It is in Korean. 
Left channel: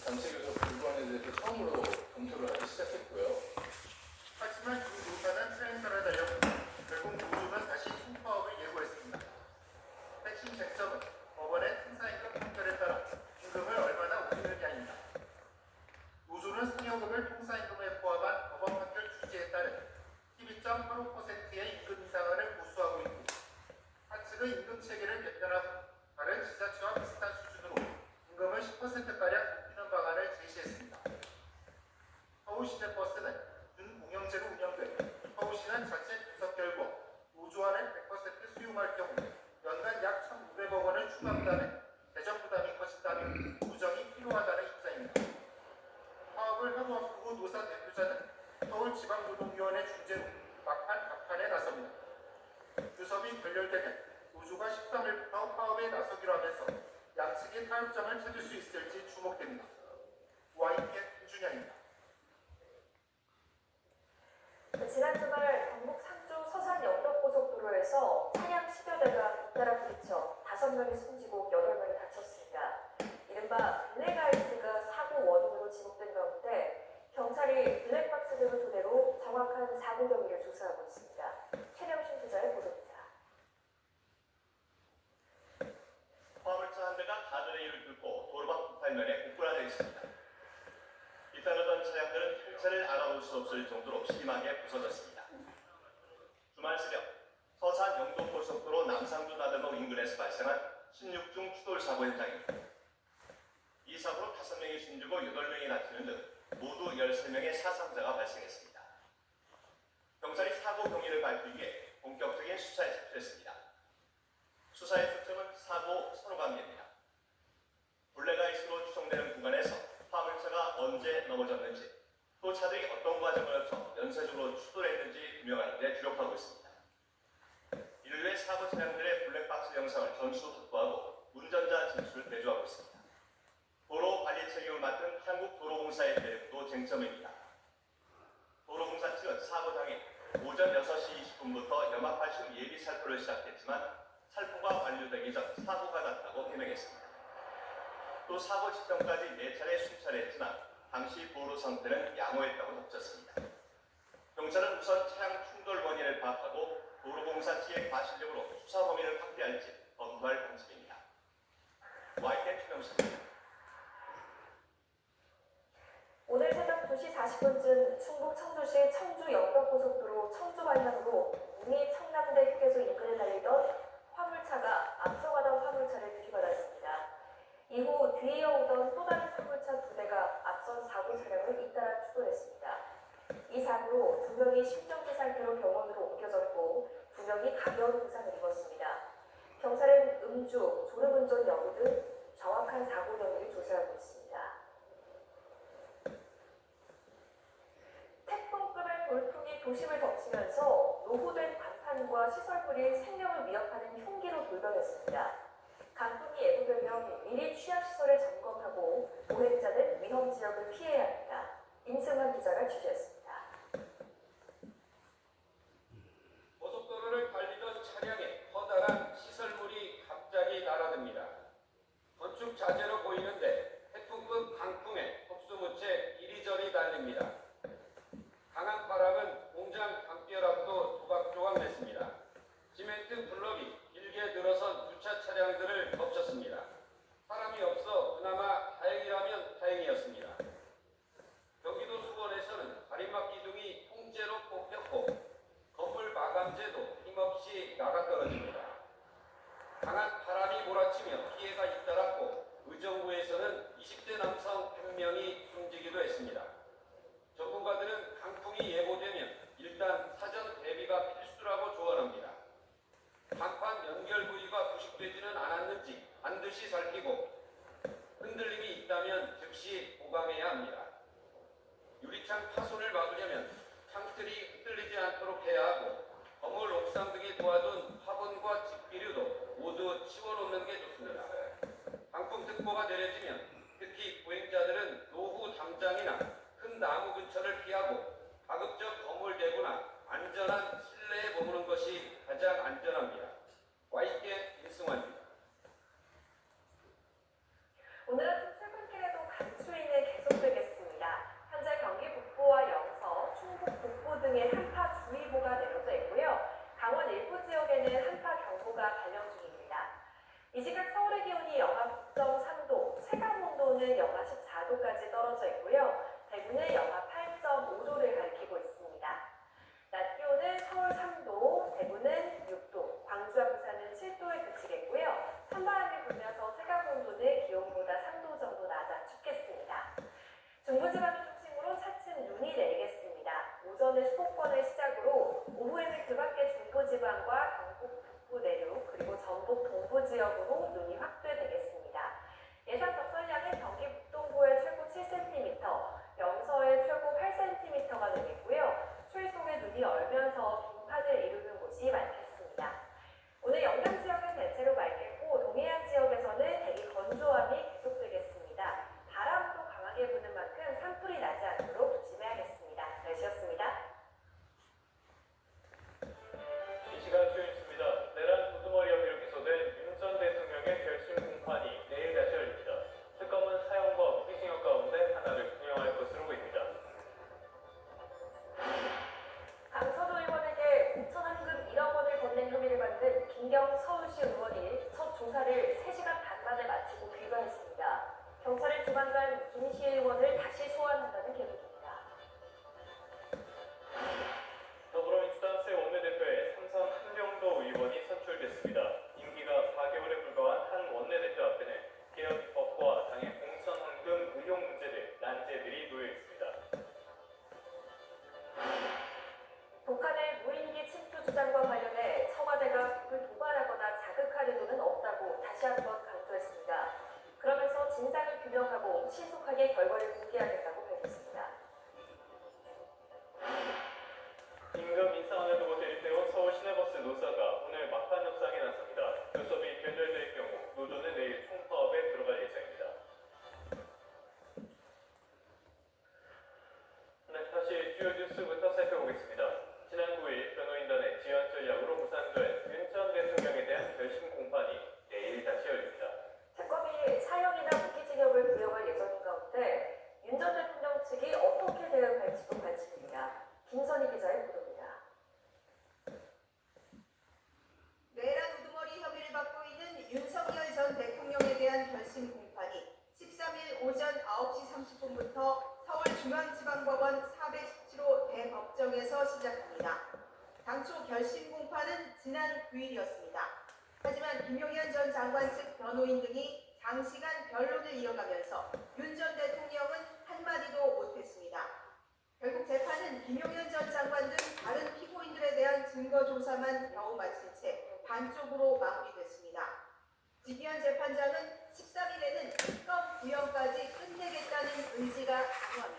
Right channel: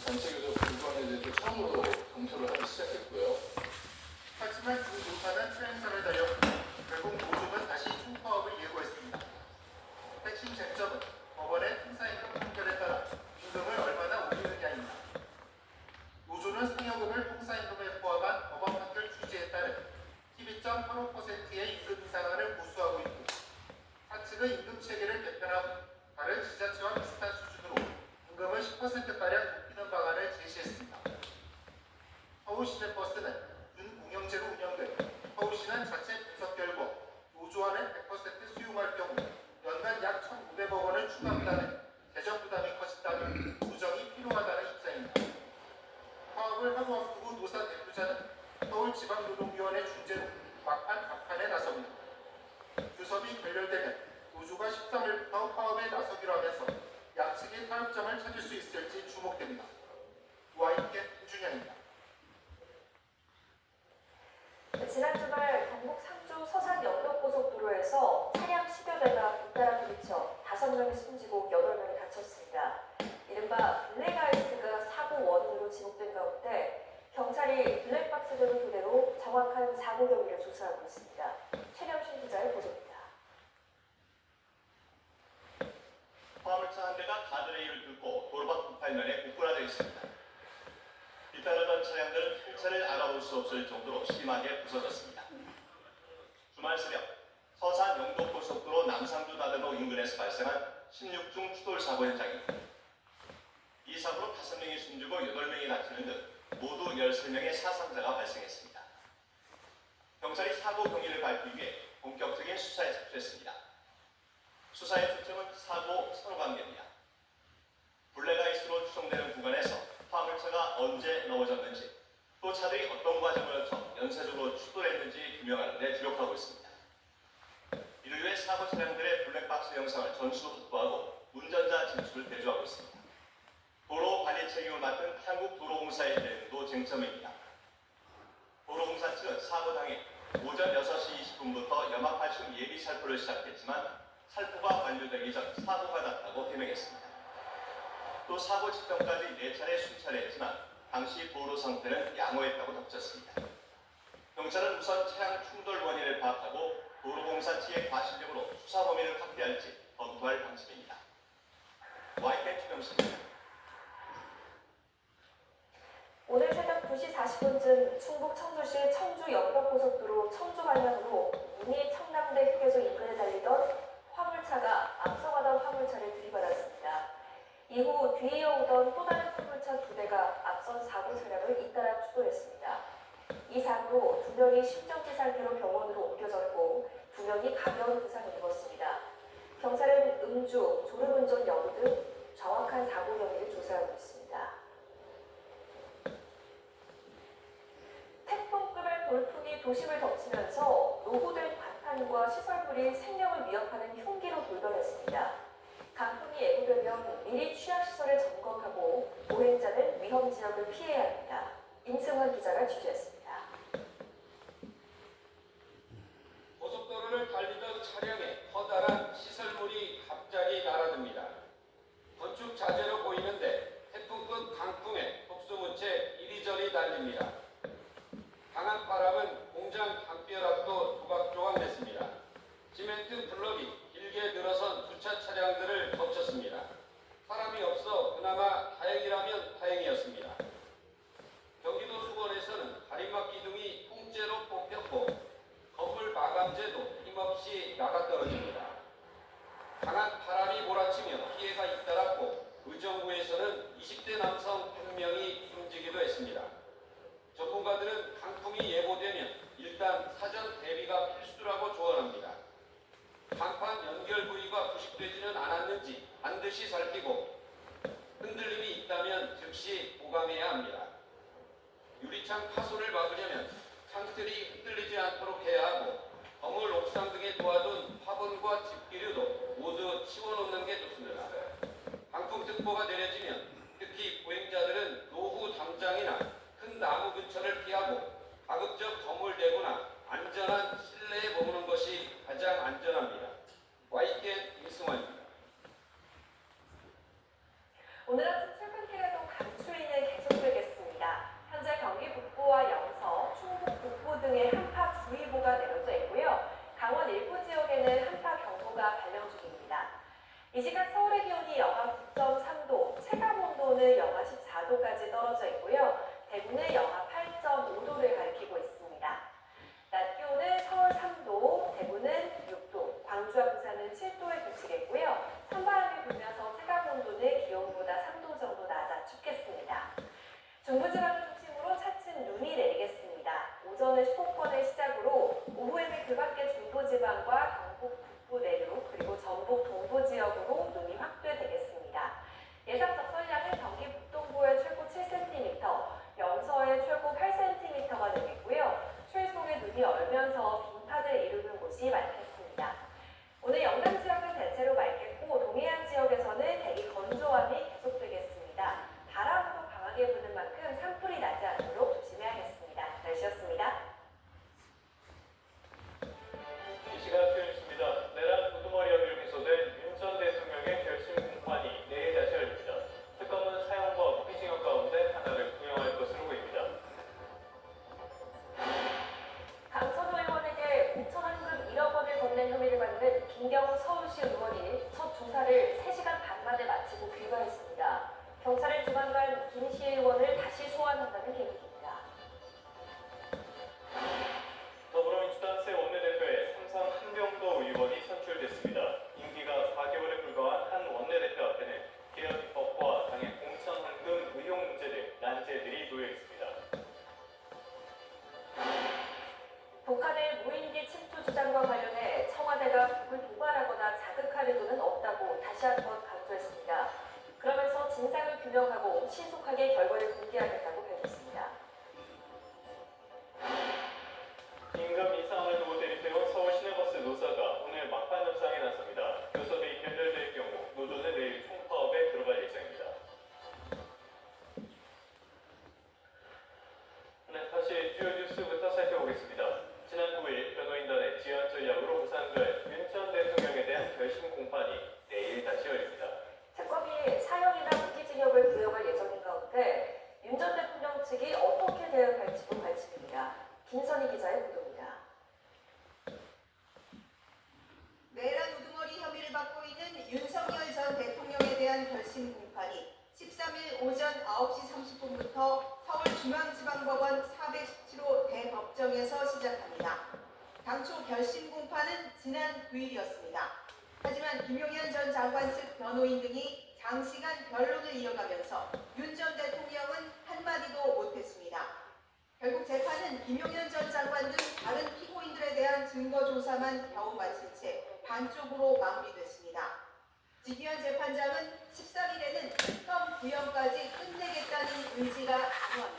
단체에서 불구하는 이제 처음으로 검토를 하기 시작했고요. 하지만 그 노사는 수행선을 달렸고 결국 노조는 다시 총파업을 예고했습니다. 핵심 쟁점은 법원의 통사임금 판결에 따라 임금을 얼마나 올리느냐입니다. 노조는 상여금을 통사임금에 포함한 법원 판결 취지에 따른 12.85%의 임금 인상안을 고수하고 있고 하측의 임금 체계를 개편하고 다른 지자체와 비슷한 수준으로 임금을 10%가량 높이는 방안을 제시했습니다. 서울시내버스는 준공영제로 운영돼 서울시는 자체 분석 결과 노조안을 100% 수용할 경우 연간 약 1,500억 원을 추가 부담해 재정 부담이 커진다는 조정이 필요하다는 입장입니다. 파업을 하루 앞두고 노사 대표자는 서울지방노동위원회 중재로 막판 합판에 나섭니다. 교섭이 결렬되면 노조가 13일부터 파업에 나서기로 하면서 양측이 타협점을 찾을 수 있을지 주목됩니다. YTN 김준현입니다. 지난 주말 경북 상주 서산 영덕고속도로에서 차량 10여 대가 잇따라 부딪혀 5명이 숨지고 8명이 다쳤습니다. 이른바 블랙아이스가 사고 원인으로 지목된 가운데 경찰이 블랙박스 등을 토대로 정확한 사고 경위를 조사하고 있습니다. 최령신 기자의 보도입니다. 화물차 한 대가 가드레일을 뚫고 도로밖 북팔면에 고꾸라져 있습니다. 뒤따르던 차량들은 행차를 알아볼 수 없을 정도로 심하게 부서졌습니다. 주말 새벽 서산 영동고속도로 남상주 나들로 인근에서 발생한 16중 추돌 사고 현장입니다. 이 사고로 5명이 숨지고 8명이 다치는 등 모두 13명의 사상자가 발생했습니다. 경찰이 사고 경위를 밝히기 위해 본격적인 수사에 착수했습니다. 수사의 초점은 사고 선후관계입니다. 블랙아이스로 추정되는 구간에서 화물차가 언제 넘어졌는지, 또 차들이 어떤 과정을 거쳐 연쇄적으로 추돌했는지 규명하는 데 주력하고 있습니다. 이를 위해 사고 차량들의 블랙박스 영상을 전수 확보하고 운전자 진술을 대조하고 있습니다. 도로 관리 책임을 맡은 한국도로공사의 대응도 쟁점입니다. 도로공사 측은 사고 당일 오전 6시 20분부터 염화칼슘 예비 살포를 시작했지만 살포가 완료되기 전 사고가 났다고 해명했습니다. 또 사고 직전까지 4차례 순찰을 했지만 당시 도로 상태는 양호했다고 덧붙였습니다. 경찰은 우선 차량 충돌 원인을 파악하고 도로공사 측의 과실력으로 수사 범위를 확대할지 검토할 방침입니다. YTN 최경식입니다. 오늘 새벽 2시 40분쯤 충북 청주시 청주 영덕고속도로 청주 방향으로 문희 청남대 휴게소 인근에 달리던 화물차가 앞서가던 화물차를 들이받았습니다. 이후 뒤에 오던 또 다른 화물차 2대가 앞선 사고 차량을 잇따라 추돌했습니다. 이 사고로 2명이 심정지 상태로 병원으로 옮겨졌고 2명이 가벼운 부상을 입었습니다. 경찰은 음주, 졸음운전 여부 등 정확한 사고 경위를 조사하고 있습니다. 태풍급의 돌풍이 도심을 덮치면서 노후된 간판과 시설물이 생명을 위협하는 흉기로 돌변했습니다. 강풍이 예고되면 미리 취약시설을 점검하고 보행자는 위험지역을 피해야 합니다. 임승환 기자가 취재했습니다. 고속도로를 달리던 차량에 커다란 시설물이 갑자기 날아듭니다. 건축 자재로 보이는데 태풍급 강풍에 속수무채 이리저리 날립니다. 강한 바람은 공장 강뼈락도 조각조각 냈습니다. 시멘트 블럭이 길게 늘어선 주차 차량들을 덮쳤습니다. 사람이 없어 그나마 다행이라면 다행이었습니다. 경기도 수원에서는 가림막 기둥이 통째로 뽑혔고 건물 마감재도 힘없이 나가떨어집니다. 강한 바람이 몰아치며 피해가 잇따랐고 의정부에서는 20대 남성 100명이 숨지기도 했습니다. 전문가들은 강풍이 예보되면 일단 사전 대비가 필수라고 조언합니다. 강판 연결 부위가 부식되지는 않았는지 반드시 살피고 흔들림이 있다면 즉시 보강해야 합니다. 유리창 파손을 막으려면 창틀이 흔들리지 않도록 해야 하고 건물 옥상 등에 놓아둔 화분과 집기류도 모두 치워놓는 게 좋습니다. 강풍특보가 내려지면 특히 보행자들은 노후 담장이나 큰 나무 근처를 피하고 가급적 건물 내부나 안전한 실내에 머무는 것이 가장 안전합니다. YTN 임승환입니다. 오늘 아침 출근길에도 감추인을 중부지방 중심으로 차츰 눈이 내리겠습니다. 오전은 수도권을 시작으로 오후에는 그 밖의 중부지방과 경북 북부 내륙 그리고 전북 동부 지역으로 눈이 확대되겠습니다. 예상 적설량은 경기 북동부에 최고 7cm, 영서에 최고 8cm가 되겠고요. 추위속에 눈이 얼면서 빙판을 이루는 곳이 많겠습니다. 오늘 영남 지역은 대체로 맑겠고 동해안 지역에서는 대기 건조함이 계속되겠습니다. 바람도 강하게 부는 만큼 산불이 나지 않도록 조심해야겠습니다. 날씨였습니다. 이 시각 수요일입니다. 내란 우두머리 혐의로 기소된 윤 전 대통령의 결심 공판이 내일 다시 열립니다. 특검은 사형과 무기징역 가운데 하나를 구형할 것으로 보입니다. 강선호 의원에게 공천 헌금 1억 원을 건넨 혐의를 받는 김경 서울시 의원이 첫 조사를 3시간 반 만에 마치고 귀가했습니다. 경찰은 조만간 김 시 의원을 다시 소환한다는 계획입니다. 더불어민주당 새 원내대표에 삼성 한병도 의원이 선출됐습니다. 임기가 4개월에 불과한 한 원내대표 앞에는 개혁 입법과 당의 공천 헌금 의혹 문제들, 난제들이 놓여 있습니다. 북한의 무인기 침투 주장과 관련해 청와대가 북을 도발하거나 자극할 의도는 없다고 다시 한번 강조했습니다. 그러면서 진상을 규명하고 신속하게 결과를 공개하겠다고 밝혔습니다. 임금 인상을 두고 대립해온 서울 시내버스 노사가 오늘 막판 협상에 나섭니다. 노사들이 결렬될 경우 노조는 내일 총파업에 들어갈 예정입니다. 네, 다시 주요 뉴스부터 살펴보겠습니다. 지난 9일 변호인단의 지연 전략으로 무산된 윤 전 대통령에 대한 결심 공판이 내일 다시 열립니다. 특검이 사형이나 무기징역을 구형할 예정인 가운데 윤 전 대통령 측이 어떻게 대응할지도 관심입니다. 김선희 기자의 보도입니다. 내란 우두머리 혐의를 받고 있는 윤석열 전 대통령에 대한 결심 공판이 13일 오전 9시 30분부터 서울중앙지방법원 417호 대법정에서 시작합니다. 당초 결심 공판은 지난 9일이었습니다. 하지만 김용현 전 장관 측 변호인 등이 장시간 변론을 이어가면서 윤 전 대통령은 한마디도 못했습니다. 결국 재판은 김용현 전 장관 등 다른 피고인들에 대한 증거 조사만 겨우 마친 채 반쪽으로 마무리됐습니다. 지기현 재판장은 13일에는 특검 구형까지 끝내겠다는 의지가 강화합니다.